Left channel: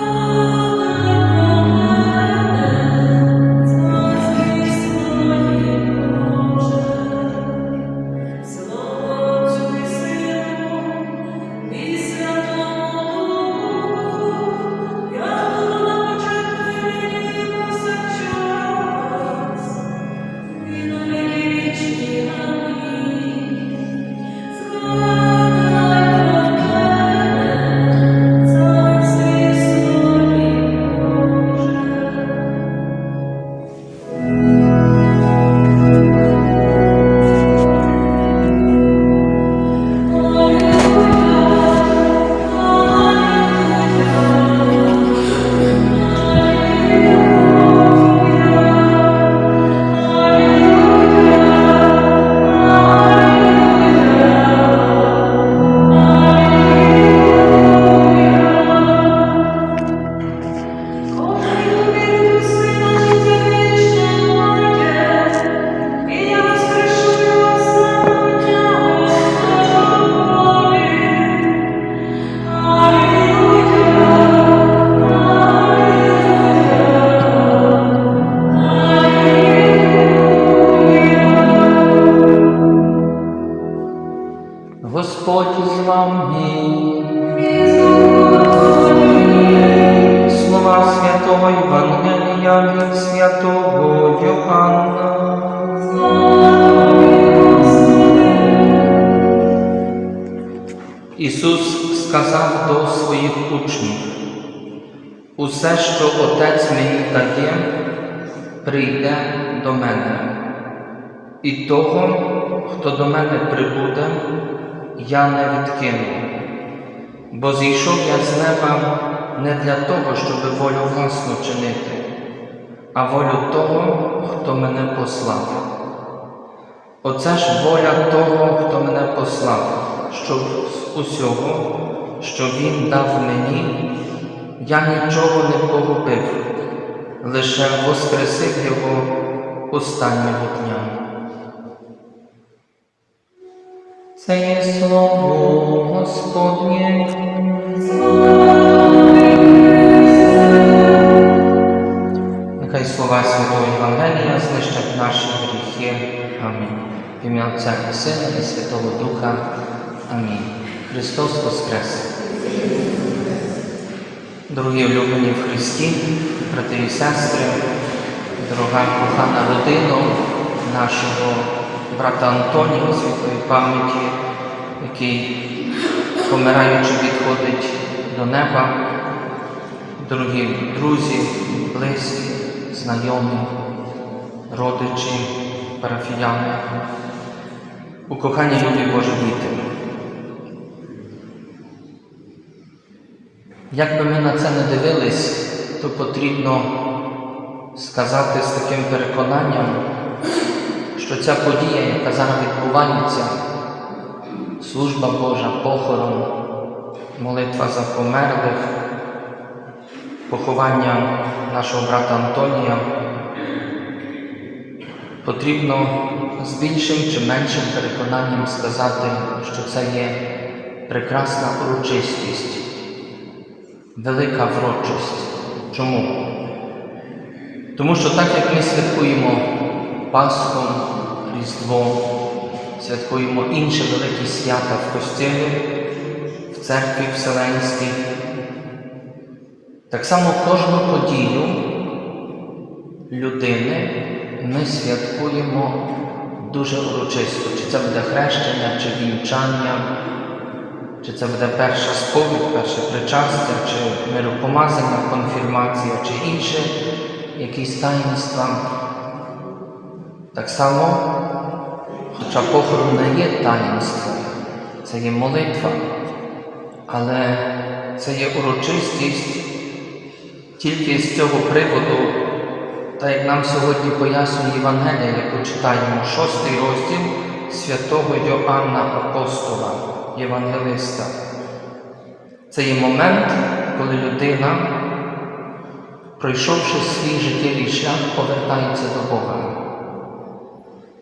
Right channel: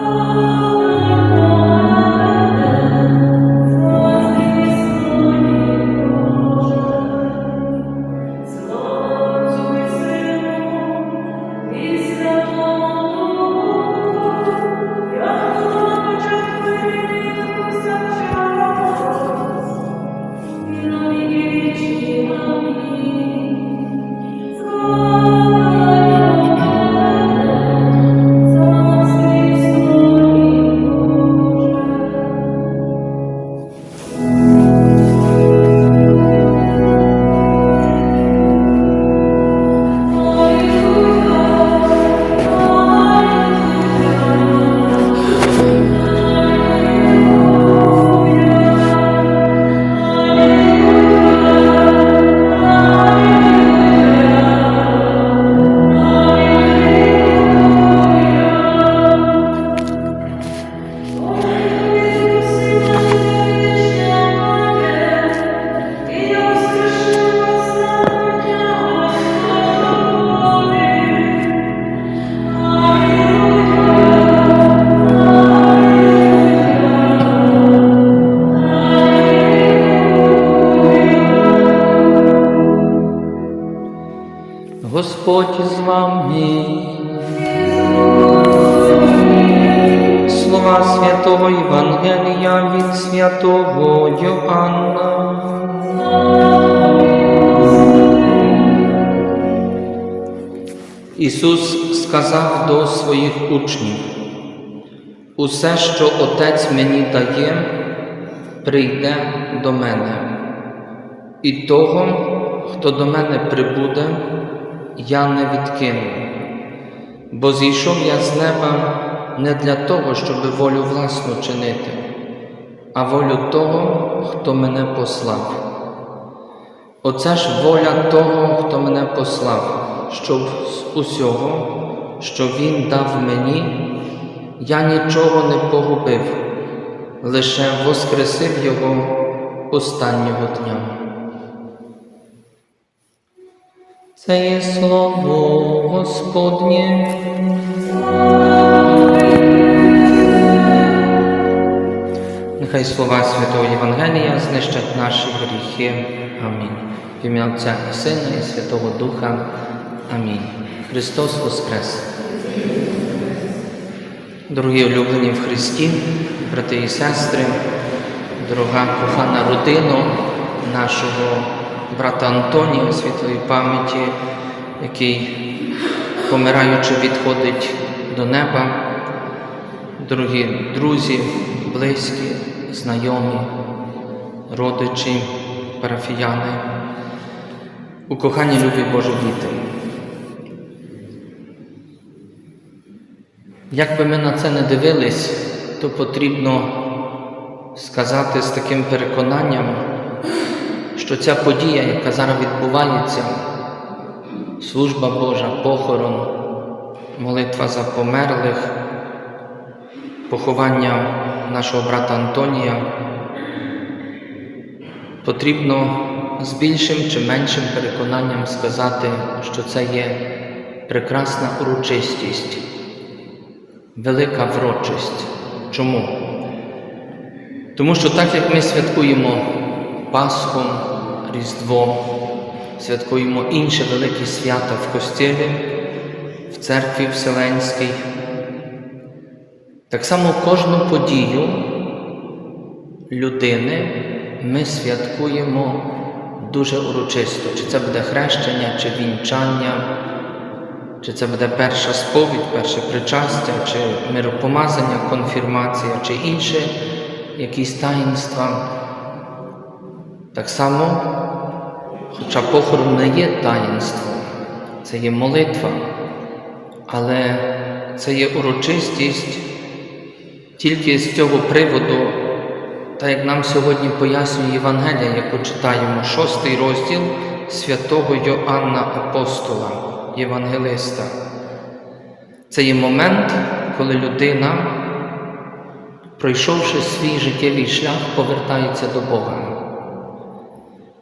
Господь Ісус сказав до своїх учнів, усе, що Отець мені дає, прийде до мене, і того, хто до мене прибуде, я не відкину, бо зійшов я з неба не для того, щоб волю власну чинити, а волю того, хто мене послав. Оце ж воля того, хто мене послав, щоб з усього, що Він дав мені, я нічого не погубив, лише воскресив його останнього дня. Це є слово Господнє. Нехай слова Святого Євангелія знищать наші гріхи. Амінь. В ім'я Отця і Сина і Святого Духа. Амінь. Христос Воскрес. Дорогі улюблені в Христі, брати і сестри, дорога кохана родина нашого брата Антонія світлої пам'яті, який, помираючи, відходить до неба, дорогі друзі, близькі, знайомі, родичі, парафіяни, у коханні любі Божі діти. Як би ми на це не дивились, то потрібно сказати з таким переконанням, що ця подія, яка зараз відбувається, служба Божа, похорон, молитва за померлих, поховання нашого брата Антонія, потрібно з більшим чи меншим переконанням сказати, що це є прекрасна урочистість, велика врочість. Чому? Тому що так як ми святкуємо Пасху, Різдво, святкуємо інші великі свята в Костілі, в церкві Вселенській, так само кожну подію людини ми святкуємо дуже урочисто. Чи це буде хрещення, чи вінчання, чи це буде перша сповідь, перше причастя, чи миропомазання, конфірмація, чи інше якісь таїнства. Так само, хоча похорон не є таїнством, це є молитва, але це є урочистість тільки з цього приводу, так як нам сьогодні пояснює Євангелія, яку читаємо, шостий розділ святого Йоанна Апостола, Євангелиста. Це є момент, коли людина, пройшовши свій життєвий шлях, повертається до Бога.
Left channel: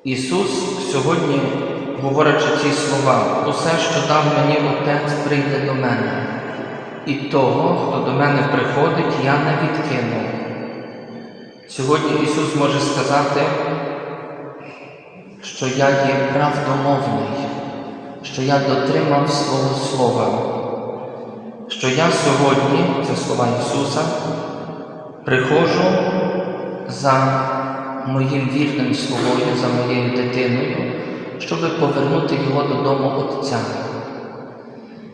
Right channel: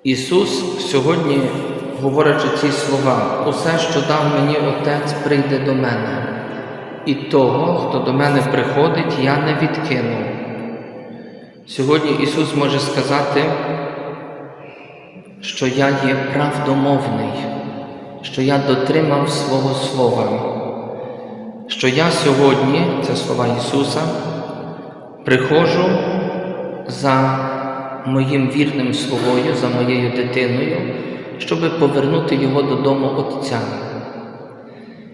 Ісус сьогодні, говорячи ці слова, усе, що дав мені Отець, прийде до мене, і того, хто до мене приходить, я не відкину. Сьогодні Ісус може сказати, що я є правдомовний, що я дотримав свого Слова, що я сьогодні, це слова Ісуса, приходжу за моїм вірним словою, за моєю дитиною, щоб повернути його додому Отця.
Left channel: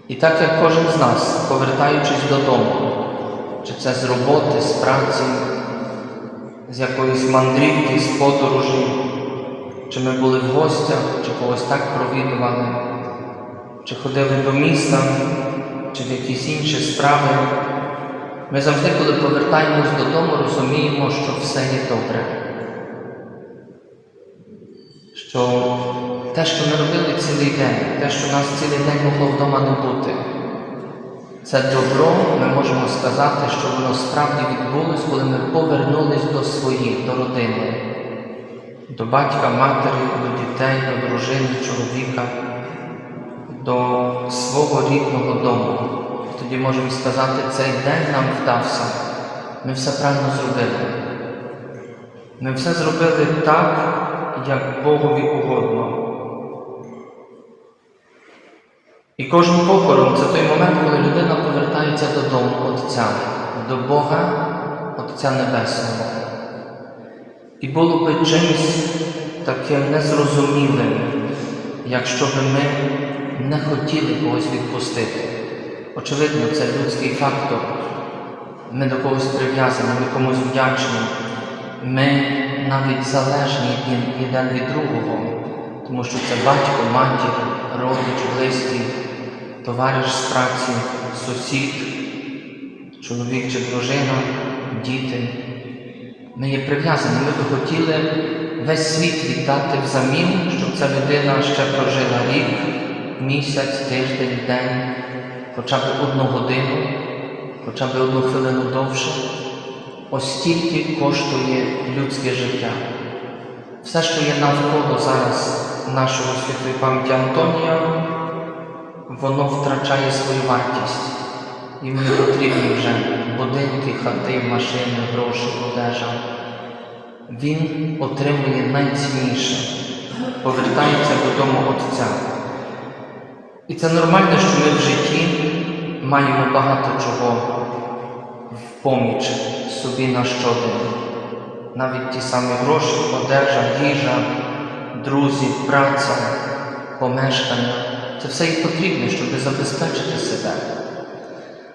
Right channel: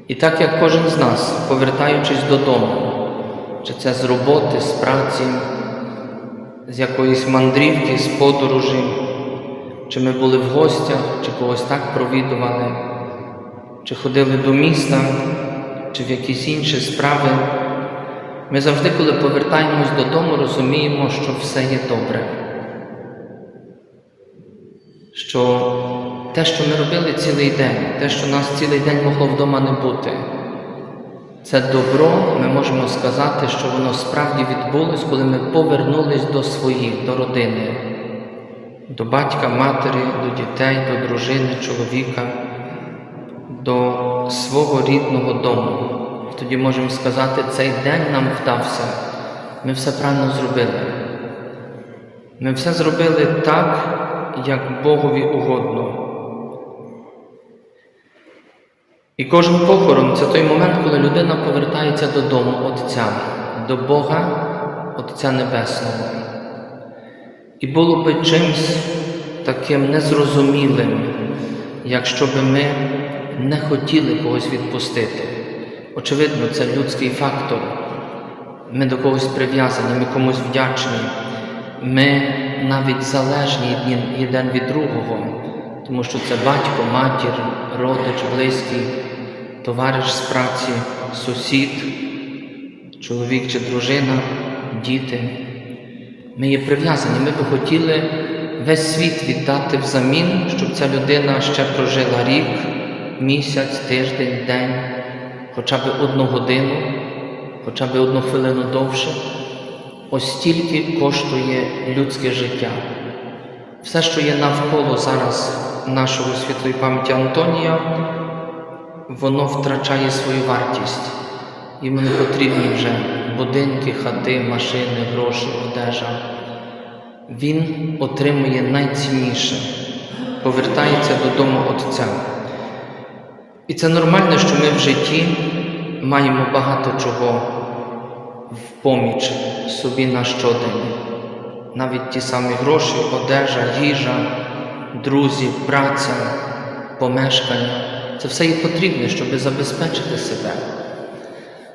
І так як кожен з нас, повертаючись додому, чи це з роботи, з праці, з якоїсь мандрівки, з подорожі, чи ми були в гостях, чи когось так провідували, чи ходили до міста, чи в якісь інші справи, ми завжди, коли повертаємось додому, розуміємо, що все є добре. Що те, що ми робили цілий день, те, що нас цілий день могло вдома не бути, це добро, ми можемо сказати, що воно справді відбулось, коли ми повернулись до своїх, до родини, до батька, матері, до дітей, до дружини, чоловіка, до свого рідного дому. Тоді можемо сказати, цей день нам вдався. Ми все правильно зробили. Ми все зробили так, як Богові угодно. І кожен похорон це той момент, коли людина повертається додому Отця, до Бога, Отця Небесного. І було би чимось таким незрозумілим, якщо би ми не хотіли когось відпустити. Очевидно, це людський фактор. Ми до когось прив'язані, ми комусь вдячні. Ми навіть залежні один від другого, тому що це батько, матір, родич, близький, товариш з праці, сусід, чоловік чи дружина, діти. Ми є прив'язані, ми би хотіли весь світ віддати взамін, щоб ця людина ще прожила рік, місяць, тиждень, день, хоча б одну годину, хоча б одну хвилину довше. Ось стільки коштує людське життя. Все, що є навколо зараз нашого святої пам'яті Антонія, воно втрачає свою вартість. Їм не потрібні вже будинки, хати, машини, гроші, одежа. Він отримує найцінніше, повертається додому Отця. І це нормально, що ми в житті маємо багато чого в поміч собі на щодень. Навіть ті самі гроші, одежа, їжа, друзі, праця, помешкання це все є потрібне, щоб забезпечити себе.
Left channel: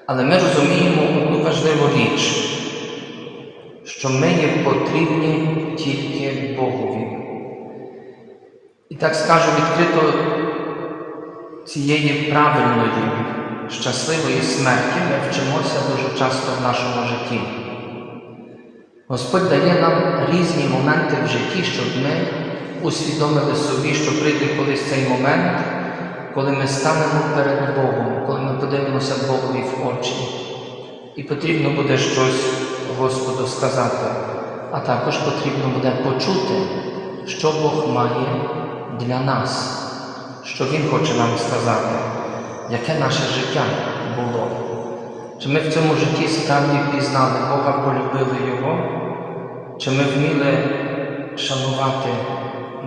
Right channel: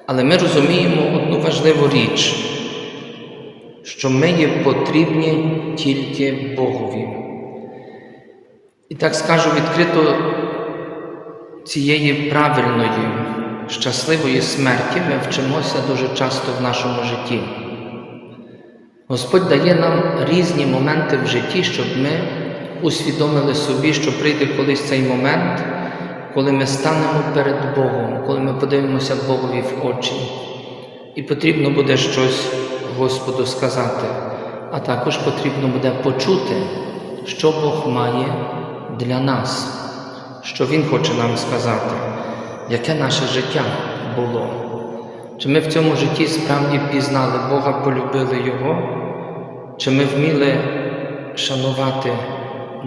Але ми розуміємо одну важливу річ, що ми є потрібні тільки Богові. І так скажу відкрито цієї правильної, щасливої смерті ми вчимося дуже часто в нашому житті. Господь дає нам різні моменти в житті, щоб ми усвідомили собі, що прийде колись цей момент, коли ми станемо перед Богом, коли ми подивимося Богові в очі. І потрібно буде щось Господу сказати, а також потрібно буде почути, що Бог має для нас, що Він хоче нам сказати, яке наше життя було. Чи ми в цьому житті справді пізнали Бога, полюбили Його, чи ми вміли шанувати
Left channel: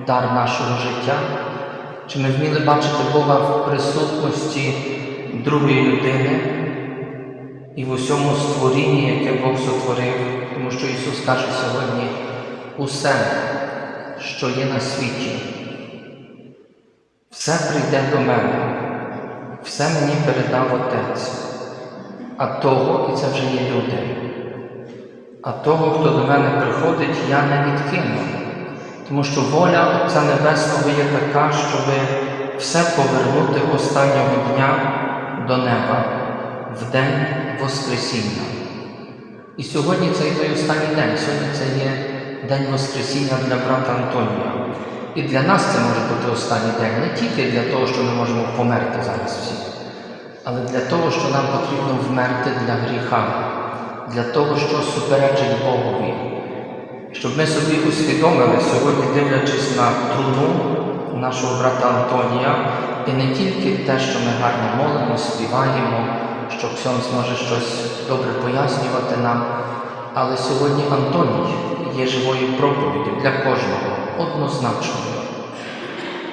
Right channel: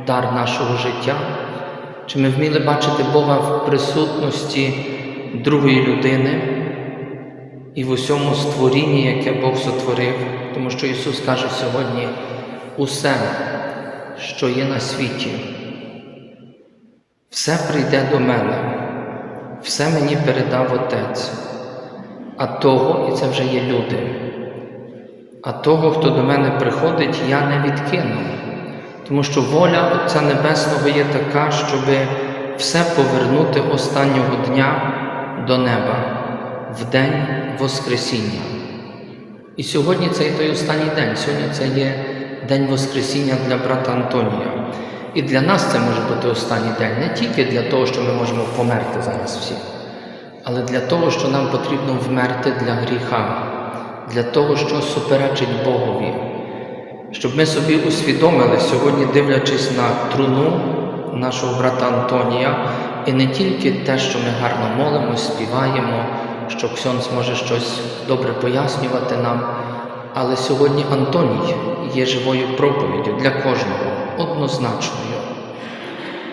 дар нашого життя, чи ми вміли бачити Бога в присутності другої людини і в усьому створінні, яке Бог сотворив, тому що Ісус каже сьогодні усе, що є на світі, все прийде до мене, все мені передав Отець, а того, і це вже є люди, а того, хто до мене приходить, я не відкину. Тому що воля Отця Небесного є така, щоб все повернути останнього дня до неба в день Воскресіння. І сьогодні це той останній день, сьогодні це є День Воскресіння для брата Антонія. І для нас це може бути останній день не тільки для того, що ми можемо померти зараз всі, але для того, що нам потрібно вмерти для гріха, для того, що суперечить Богові. Щоб ми собі усвідомили сьогодні, дивлячись на труну нашого брата Антонія, і не тільки те, що ми гарно молимо, співаємо, що Ксьонс може щось добре пояснювати нам. Але сьогодні Антоній є живою проповіддю для кожного, однозначною.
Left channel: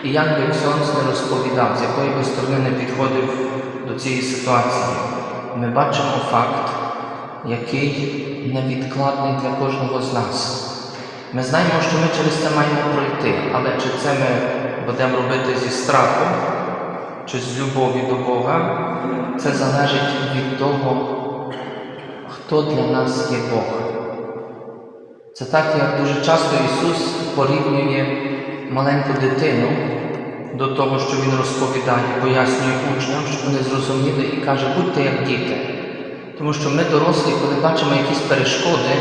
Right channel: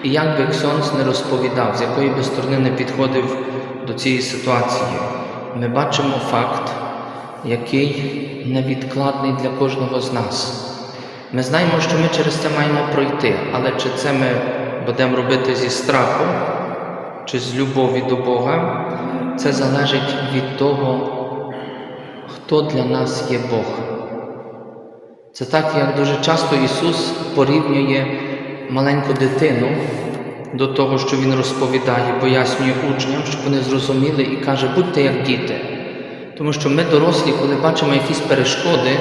І як би Ксьонс не розповідав, з якої би сторони не підходив до цієї ситуації, ми бачимо факт, який невідкладний для кожного з нас. Ми знаємо, що ми через це маємо пройти, але чи це ми будемо робити зі страху, чи з любові до Бога, це залежить від того, хто для нас є Бог. Це так, як дуже часто Ісус порівнює маленьку дитину до того, що Він розповідає, пояснює учням, щоб вони зрозуміли і каже, будьте як діти. Тому що ми, дорослі, коли бачимо якісь перешкоди,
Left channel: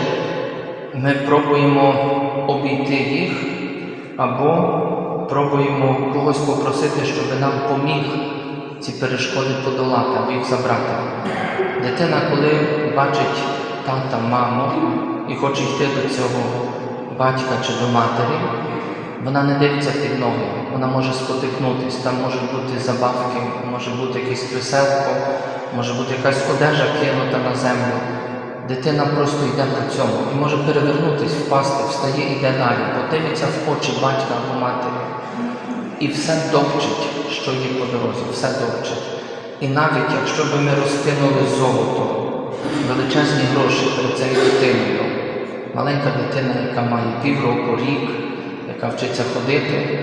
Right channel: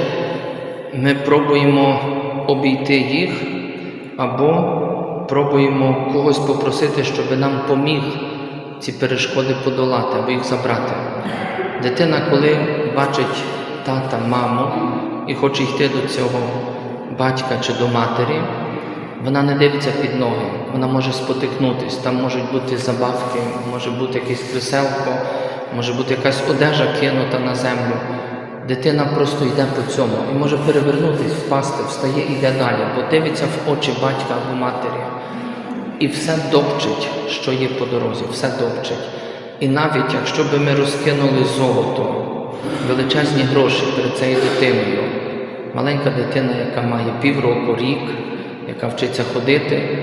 ми пробуємо обійти їх або пробуємо когось попросити, щоб нам поміг ці перешкоди подолати або їх забрати. Дитина, коли бачить тата, маму і хоче йти до цього батька чи до матері, вона не дивиться під ноги, вона може спотикнутись, там можуть бути забавки, може бути якесь кріселко, може бути якась одежа кинута на землю. Дитина просто йде по цьому і може перевернутись, впасти, встає і йде далі, бо дивиться в очі батька або матері. І все допчить, що є по дорозі, все допчить. І навіть якщо би ми розкинули золото, величезні гроші перед цією дитиною, маленька дитина, яка має півроку, рік, яка вчиться ходити,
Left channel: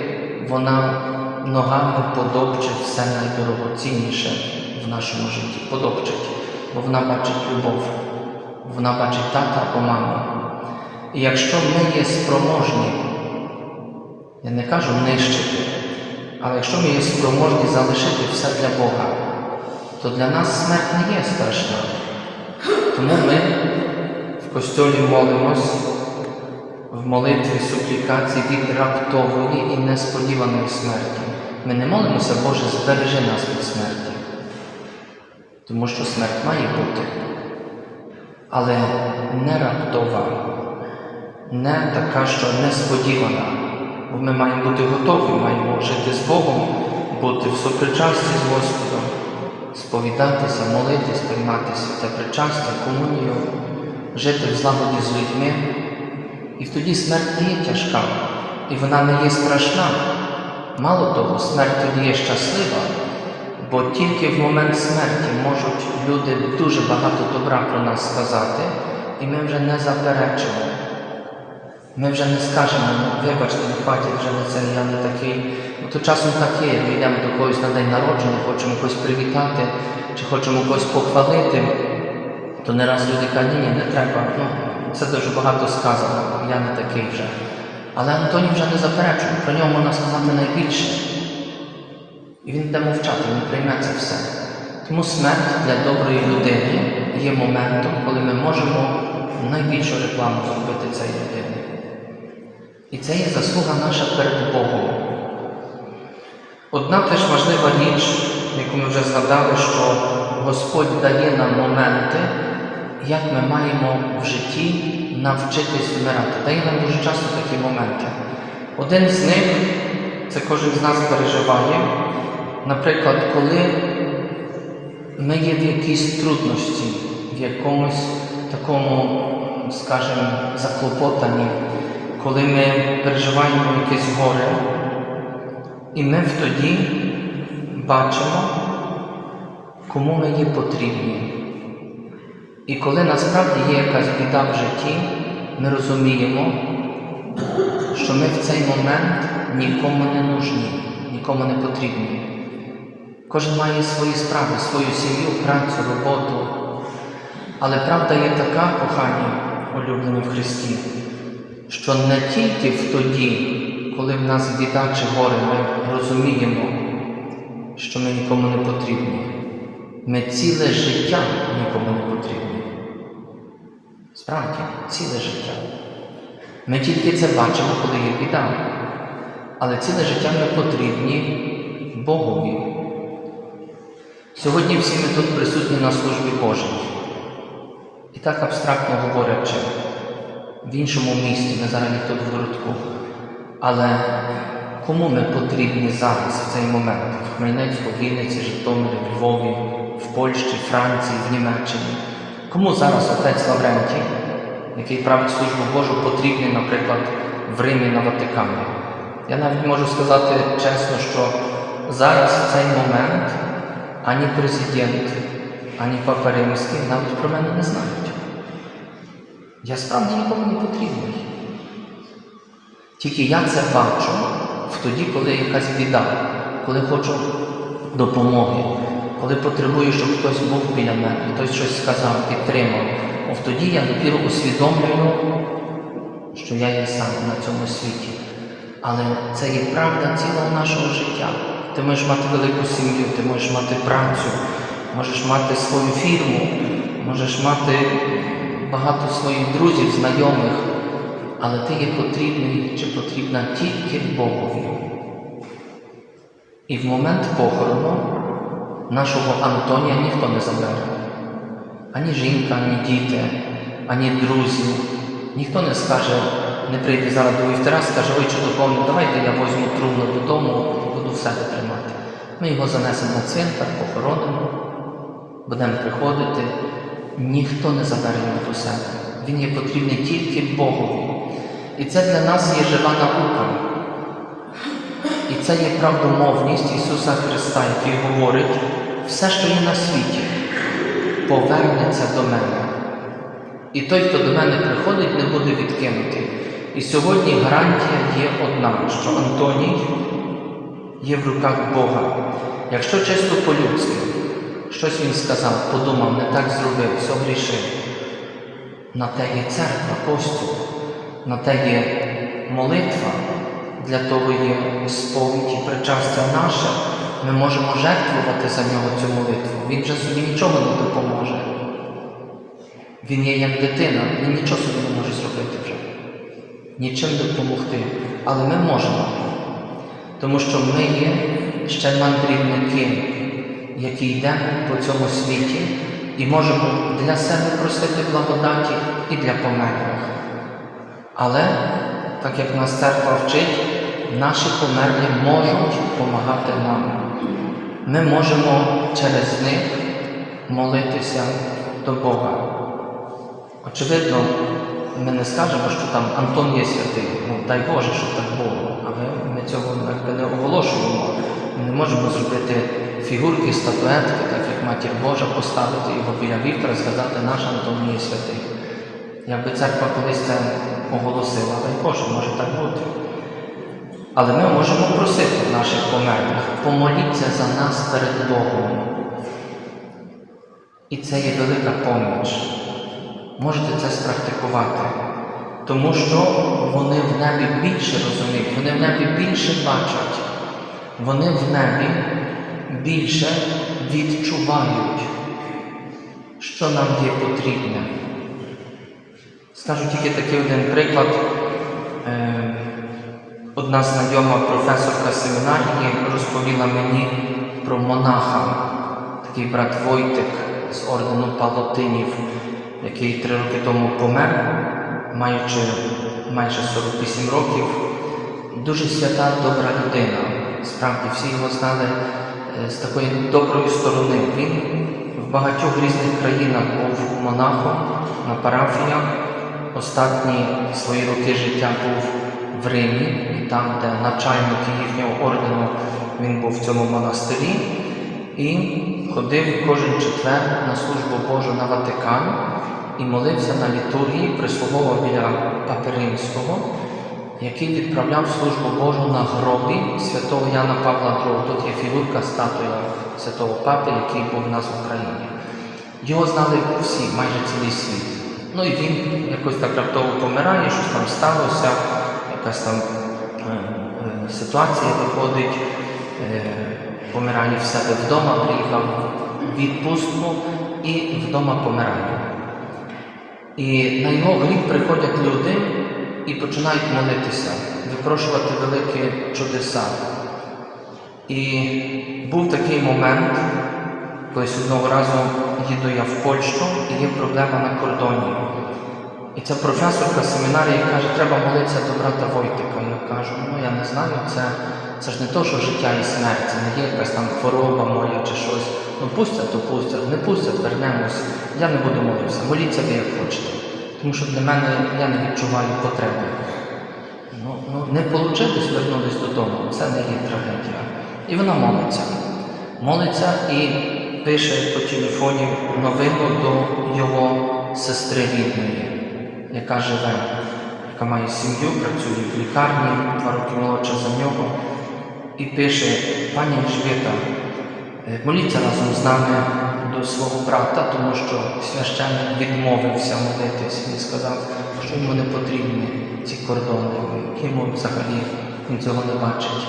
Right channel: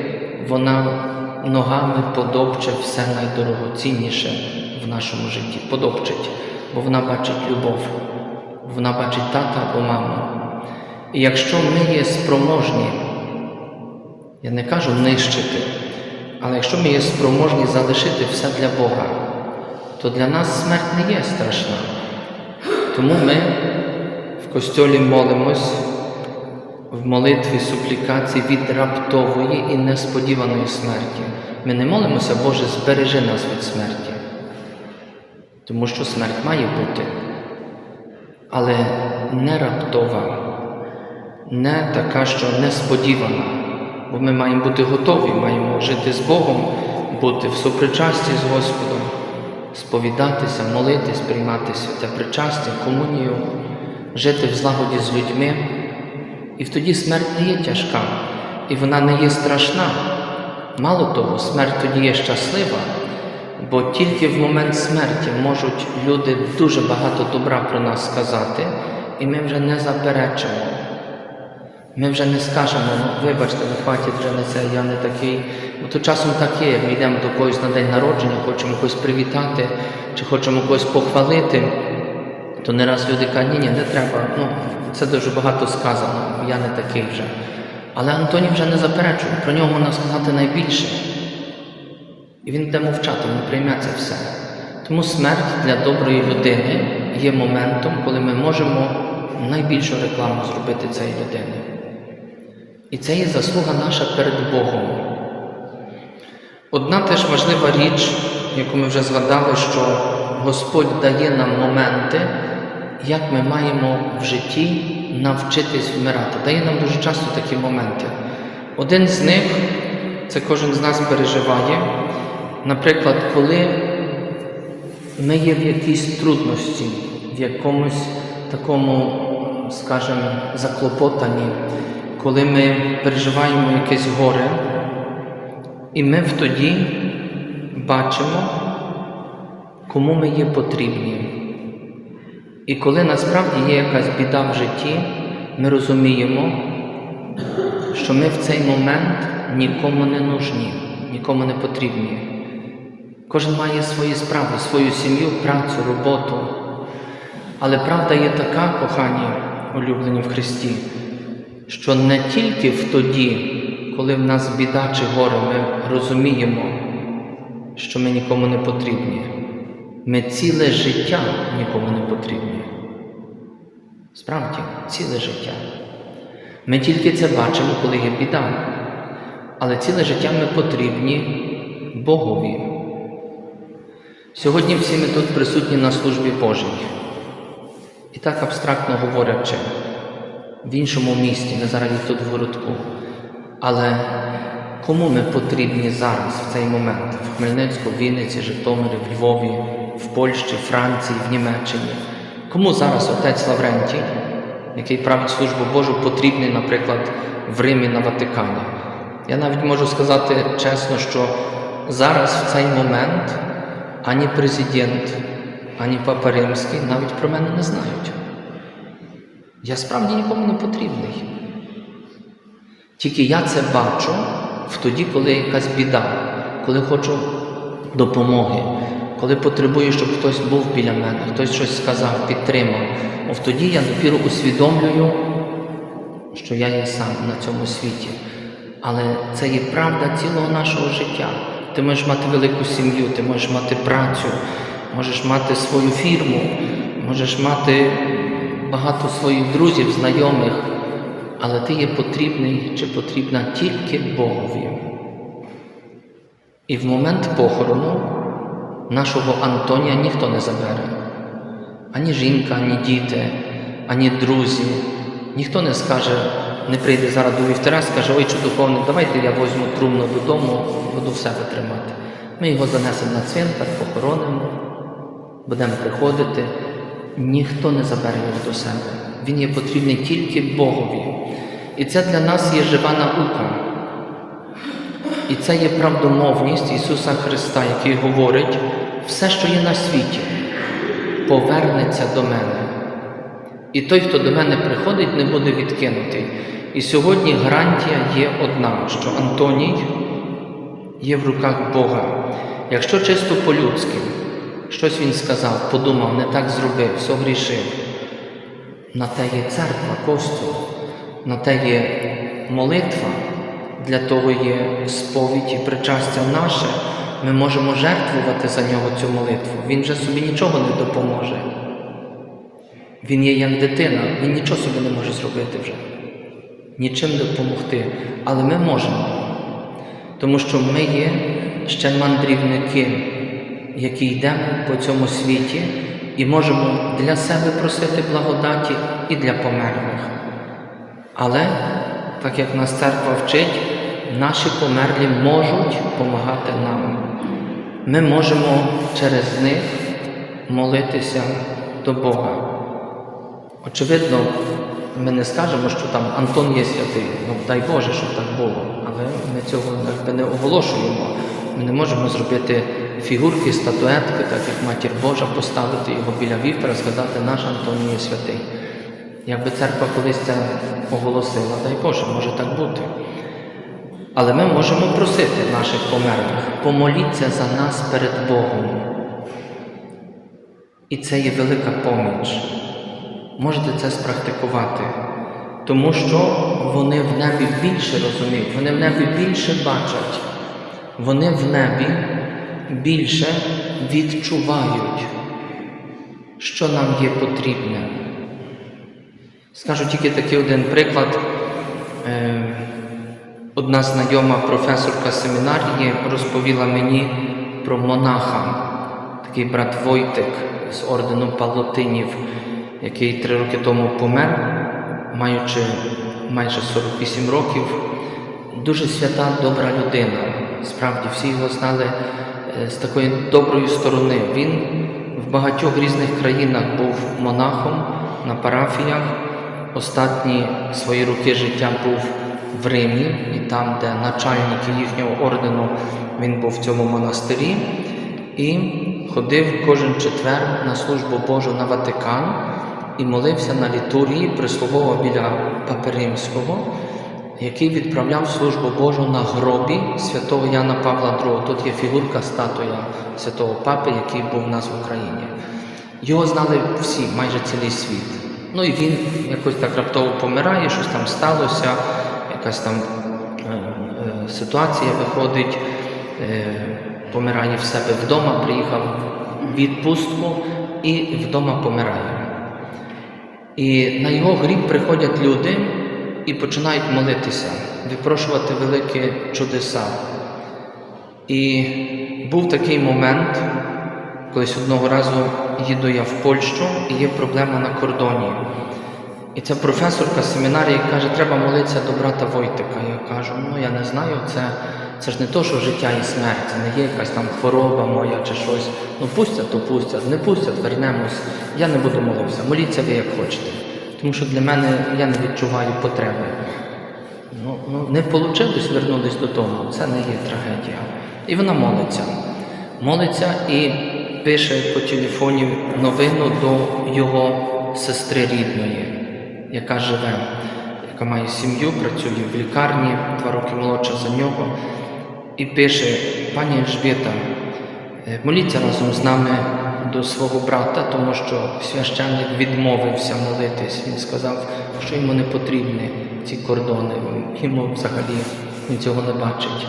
вона ногами подопчить все найдорогоцінніше в нашому житті. Подопчить, бо вона бачить любов, вона бачить тата або маму. І якщо ми є спроможні, я не кажу нищити, але якщо ми є спроможні залишити все для Бога, то для нас смерть не є страшна. Тому ми костьолі молимось в молитві суплікації від раптової і несподіваної смерті. Ми не молимося, Боже, збережи нас від смерті, тому що смерть має бути, але не раптова, не така, що несподівана. Бо ми маємо бути готові, маємо жити з Богом, бути в сопричасті з Господом, сповідатися, молитись, приймати святе причастя, комунію, жити в злагоді з людьми. І тоді смерть не є тяжка, і вона не є страшна. Мало того, смерть тоді є щаслива, бо тільки в момент смерті можуть люди дуже багато добра про нас сказати, і ми вже не заперечимо. Ми вже не скажемо, ну, вибачте, хватить вже на це, я не такий. Бо то часом так є, як ми йдемо до когось на день народження, хочемо когось привітати, чи хочемо когось похвалити, то не раз люди кажуть, ні, ні, не треба. Ну, це дуже багато сказано, я не такий вже. Але Антоній вже не заперечує, про нього можна сказати найбільше. І він буде мовчати, він прийме це все. Тому смерть для доброї людини є моментом, коли ми можемо найбільшу рекламу зробити цієї людини. І це є заслуга наша перед Богом. Одна теж важлива річ, яку ми вже згадали, що Господь дає нам моменти, як ми маємо в житті навчитись вмирати. Дає нам дуже часто такі моменти. Один з них, це кожен з нас переживає, наприклад, коли ми є в якійсь трудності, в якомусь такому, скажімо, заклопотанні, коли ми переживаємо якесь горе, і ми тоді бачимо, кому ми є потрібні. І коли насправді є якась біда в житті, ми розуміємо, що ми в цей момент нікому не нужні, нікому не потрібні. Кожен має свої справи, свою сім'ю, працю, роботу. Але правда є така, кохані, улюблені в Христі, що не тільки в тоді, коли в нас біда чи горе, ми розуміємо, що ми нікому не потрібні. Ми ціле життя нікому не потрібні. Справді, ціле життя. Ми тільки це бачимо, коли є біда. Але ціле життя ми потрібні Богові. Сьогодні всі ми тут присутні на службі Божій. І так абстрактно говорячи, в іншому місті, ми зараз тут в городку. Але кому ми потрібні зараз, в цей момент? В Хмельницьку, Вінниці, Житомирі, в Львові, в Польщі, Франції, в Німеччині. Кому зараз отець Лаврентій, який править службу Божу, потрібний, наприклад, в Римі на Ватикані? Я навіть можу сказати чесно, що зараз в цей момент ані президент, ані Папа Римський навіть про мене не знають. Я справді нікому не потрібний. Тільки я це бачу в тоді, коли якась біда, коли хочу допомоги, коли потребую, щоб хтось був біля мене, хтось щось сказав, підтримав. От тоді я допіру усвідомлюю, що я є сам на цьому світі. Але це є правда цілого нашого життя. Ти можеш мати велику сім'ю, ти можеш мати працю, можеш мати свою фірму, можеш мати багато своїх друзів, знайомих, але ти є потрібний чи потрібна тільки Богові. І в момент похорону нашого Антонія ніхто не забере. Ані жінка, ані діти, ані друзі. Ніхто не скаже, не прийде зараз до вівтара, скаже, ой, чи давайте я возьму трумну додому, буду в себе тримати. Ми його занесемо на цвинтар, похоронимо, будемо приходити. Ніхто не забере його до себе. Він є потрібний тільки Богові. І це для нас є жива наука. І це є правдомовність Ісуса Христа, який говорить, все, що є на світі, повернеться до мене. І той, хто до мене приходить, не буде відкинутий. І сьогодні гарантія є одна, що Антоній є в руках Бога. Якщо чисто по-людськи, щось він сказав, подумав, не так зробив, все грішив. На те є церква, костюм, на те є молитва, для того є сповідь і причастя наше. Ми можемо жертвувати за нього цю молитву. Він вже собі нічого не допоможе. Він є як дитина, він нічого собі не може зробити вже, нічим допомогти. Але ми можемо, тому що ми є ще мандрівники, які йдемо по цьому світі і можемо для себе просити благодаті і для померлих. Але, так як нас церква вчить, наші померлі можуть допомагати нам. Ми можемо через них молитися до Бога. Очевидно, ми не скажемо, що там Антон є святий, ну дай Боже, щоб так було, але ми цього якби не оголошуємо. Ми не можемо зробити фігурки, статуетки, так як Матір Божа, поставити його біля вівтора і сказати, наш Антон є святий. Якби церква колись це оголосила, дай Боже, може так бути. Але ми можемо просити наших померлих, помоліться за нас перед Богом. І це є велика поміч. Можете це спрактикувати, тому що вони в небі більше розуміють, вони в небі більше бачать, вони в небі більше відчувають, що нам є потрібне. Скажу тільки такий один приклад. Одна знайома професорка семінарії розповіла мені про монаха, такий брат Войтик з ордену Палотинів, який три роки тому помер, маючи майже 48 років. Дуже свята, добра людина. Справді всі його знали е, з такої доброї сторони. Він в багатьох різних країнах був монахом на парафіях. Останні свої роки життя був в Римі, там, де начальник їхнього ордену, він був в цьому монастирі і ходив кожен четвер на службу Божу на Ватикан і молився на літургії, прислуговував біля Папи Римського, який відправляв службу Божу на гробі святого Яна Павла II. Тут є фігурка статуя святого Папи, який був у нас в Україні. Його знали всі, майже цілий світ. Ну і він якось так раптово помирає, щось там сталося, якась там ситуація виходить, е, помирає в себе вдома, приїхав в відпустку і вдома помирає. І на його гріб приходять люди і починають молитися, випрошувати великі чудеса. І був такий момент, колись одного разу їду я в Польщу і є проблема на кордоні. І ця професорка семінарії каже, треба молитися до брата Войтика. Я кажу, ну я не знаю, це Це ж не то, що життя і смерть, це не є якась там хвороба моя чи щось. Ну пустять, то пустять, не пустять, вернемось. Я не буду молився. Моліться ви як хочете. Тому що для мене я не відчуваю потреби. Ну, ну не вийшло вернутися додому, це не є трагедія. І вона молиться. Молиться і пише по телефоні новину до його сестри рідної, яка живе, яка має сім'ю, працює в лікарні, два роки молодша за нього. І пише: пані Ельжбета, е, моліться разом з нами до свого брата, тому що священник відмовився молитись. Він сказав, що йому не потрібні ці кордони. Йому взагалі він цього не бачить.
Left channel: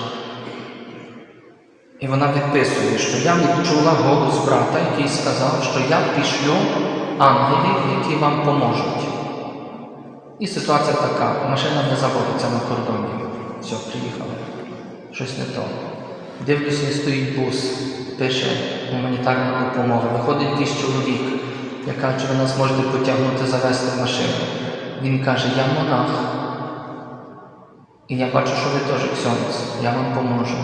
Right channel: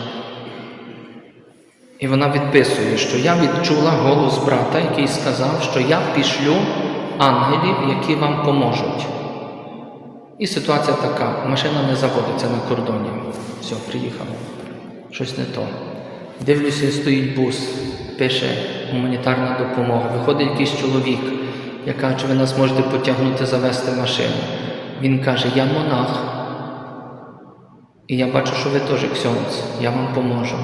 І вона відписує, що я відчула голос брата, який сказав, що я пішлю ангелів, які вам поможуть. І ситуація така: машина не заводиться на кордоні. Все, приїхали. Щось не то. Дивлюся, стоїть бус, пише гуманітарна допомога. Виходить якийсь чоловік, я кажу, чи ви нас можете потягнути, завести машину. Він каже, я монах. І я бачу, що ви теж ксьонц, я вам поможу.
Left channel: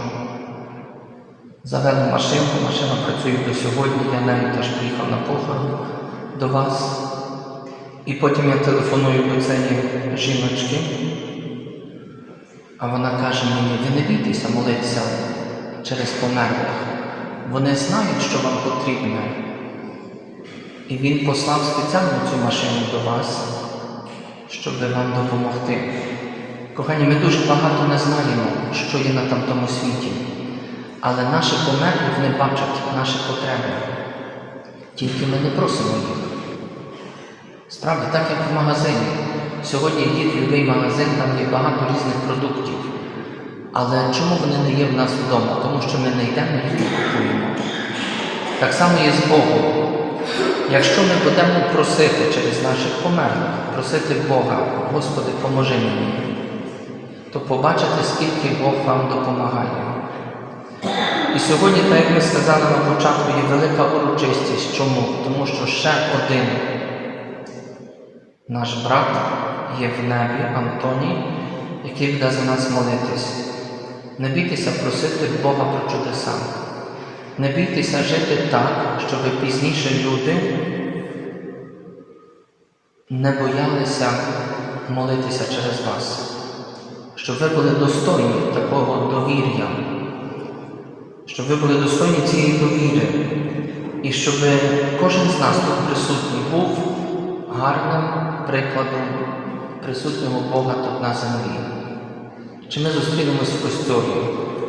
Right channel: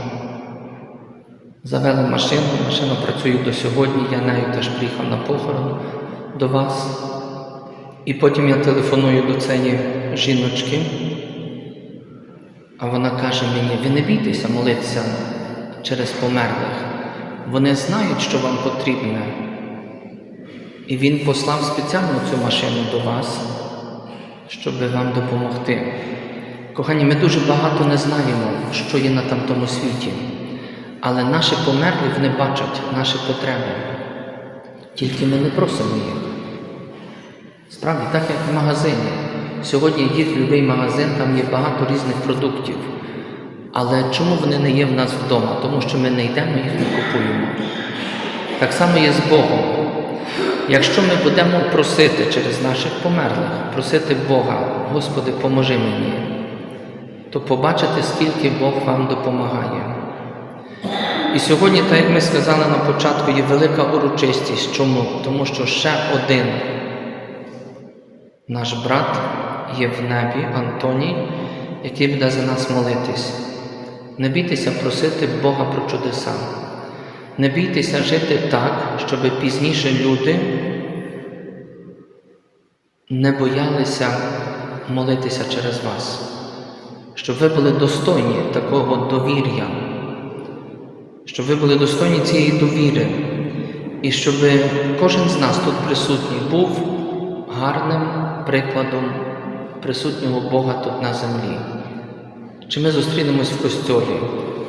Завели машину, машина працює до сьогодні, я нею теж приїхав на похорон до вас. І потім я телефоную до цієї жіночки, а вона каже мені, ви не бійтеся молитися через померлих. Вони знають, що вам потрібно. І він послав спеціально цю машину до вас, щоб вам допомогти. Кохані, ми дуже багато не знаємо, що є на тамтому світі. Але наші померлі вони бачать наші потреби. Тільки ми не просимо їх. Справді, так як в магазині. Сьогодні є будь-який магазин, там є багато різних продуктів. Але чому вони не є в нас вдома? Тому що ми не йдемо їх не купуємо. Так само є з Богом. Якщо ми будемо просити через наших померлих, просити Бога, Господи, поможи мені, то побачите, скільки Бог вам допомагає. І сьогодні, так як ми сказали на початку, є велика урочистість. Чому? Тому що ще один наш брат є в небі, Антоній, який буде за нас молитись. Не бійтеся просити Бога про чудеса. Не бійтеся жити так, щоб пізніше люди не боялися молитися через вас, щоб ви були достойні такого довір'я щоб ви були достойні цієї довіри, і щоб кожен з нас тут присутній був гарним прикладом присутнього Бога тут на землі. Чи ми зустрінемось в костьолі,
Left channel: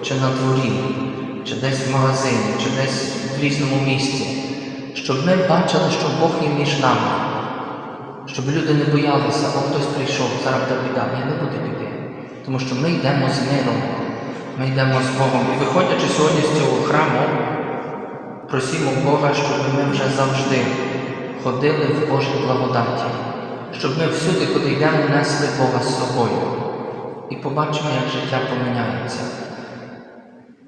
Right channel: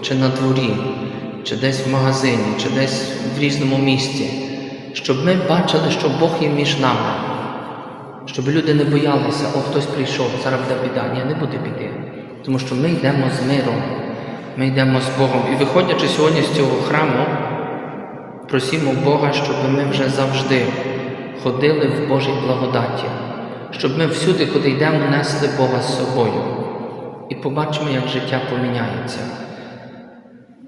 чи на дворі, чи десь в магазині, чи десь в різному місці, щоб ми бачили, що Бог є між нами, щоб люди не боялися, о, хтось прийшов, зараз буде біда. Ні, не буде біди. Тому що ми йдемо з миром. Ми йдемо з Богом. І виходячи сьогодні з цього храму, просімо Бога, щоб ми вже завжди ходили в Божій благодаті, щоб ми всюди, куди йдемо, несли Бога з собою і побачимо, як життя поміняється.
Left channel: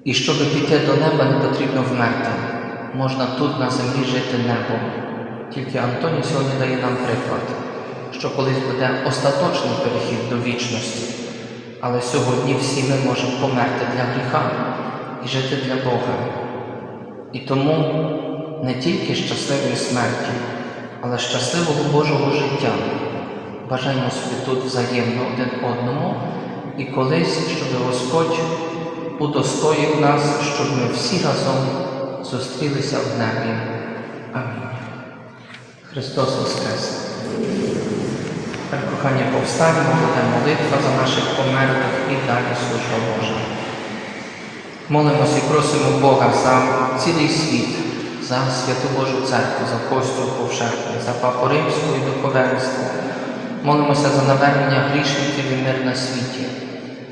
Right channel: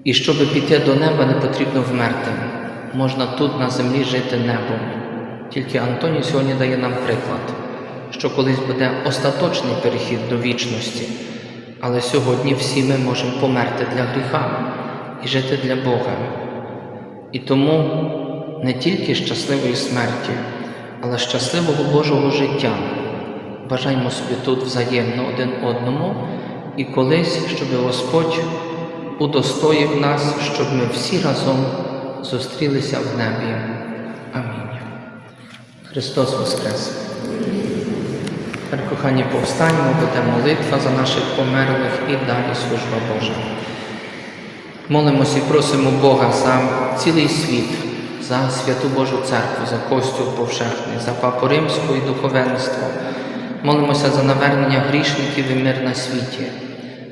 І щоб піти до неба, не потрібно вмерти. Можна тут на землі жити небом. Тільки Антоній сьогодні дає нам приклад, що колись буде остаточний перехід до вічності. Але сьогодні всі ми можемо померти для гріха і жити для Бога. І тому не тільки щасливої смерті, але щасливого Божого життя. Бажаємо собі тут взаємно один одному і колись, щоб Господь удостоїв нас, щоб ми всі разом зустрілися в небі. Амінь. Христос Воскрес! Тепер, кохані, повстанемо, буде молитва за наших померлих і далі служба Божа. Молимося і просимо Бога за цілий світ, за святу Божу церкву, за Костю повшехний, за Папу Римську і духовенство. Молимося за навернення грішників і мир на світі.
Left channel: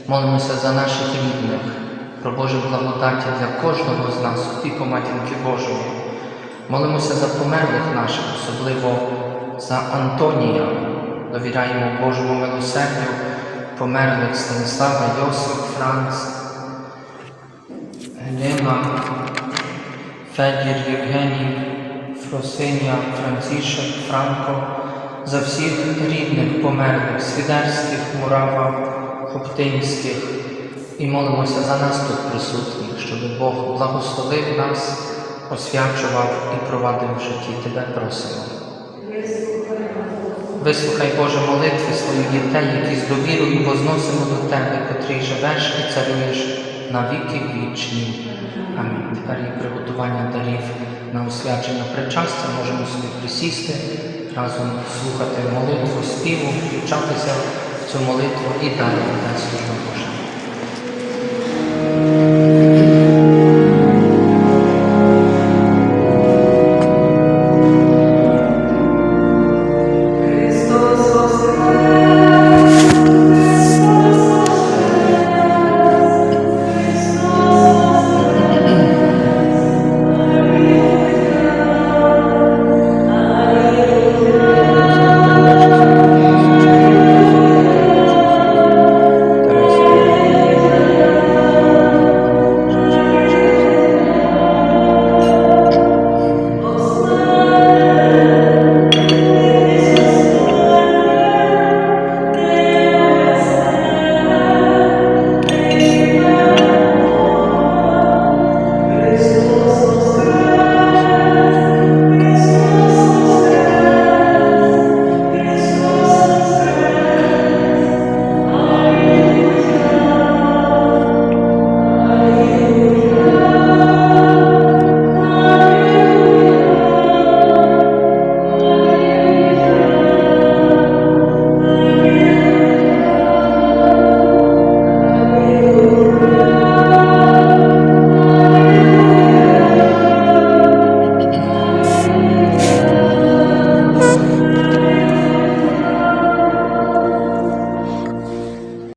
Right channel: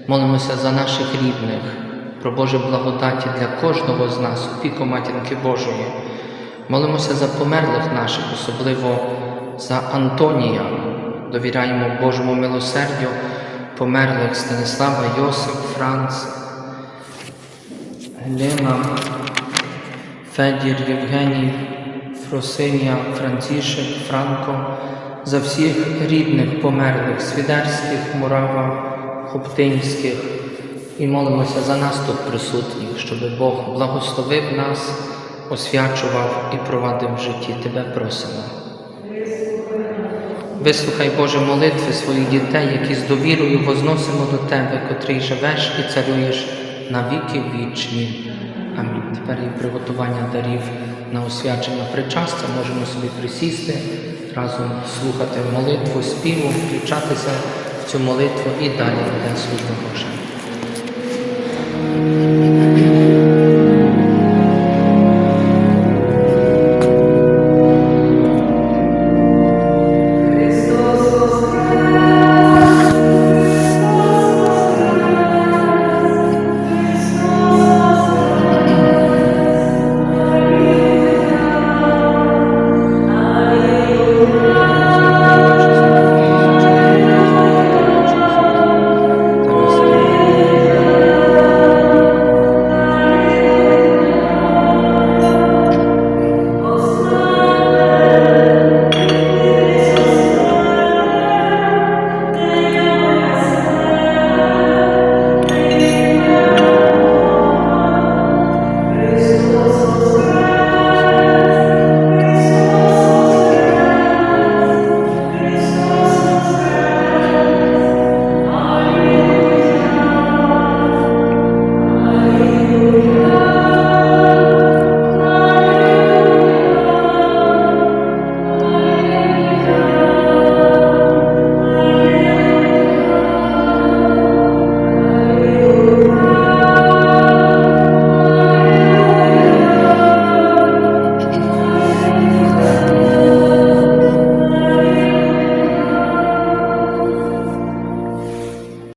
Молимося за наших рідних, про Боже благодаті для кожного з нас, опіку Матінки Божої. Молимося за померлих наших, особливо за Антонія. Довіряємо Божому милосердю померлих Станислава, Йосип, Франц, Лена, Федір, Євгеній, Фросинія, Францішек, Франко, за всіх рідних померлих, свідерських, Мурава, Хоптинських, І молимося за нас тут присутніх, щоб Бог благословив нас, освячував і провадив в житті. Тебе просимо. Вислухай, Боже, молитви своїх дітей, які з довірою возносимо до Тебе, котрий живеш і царюєш на віки вічні. Амінь. Тепер є приготування дарів на освячення причастя. Можемо собі присісти, разом слухати молитву, співу, включатися в цю молитву і далі буде Слово Боже.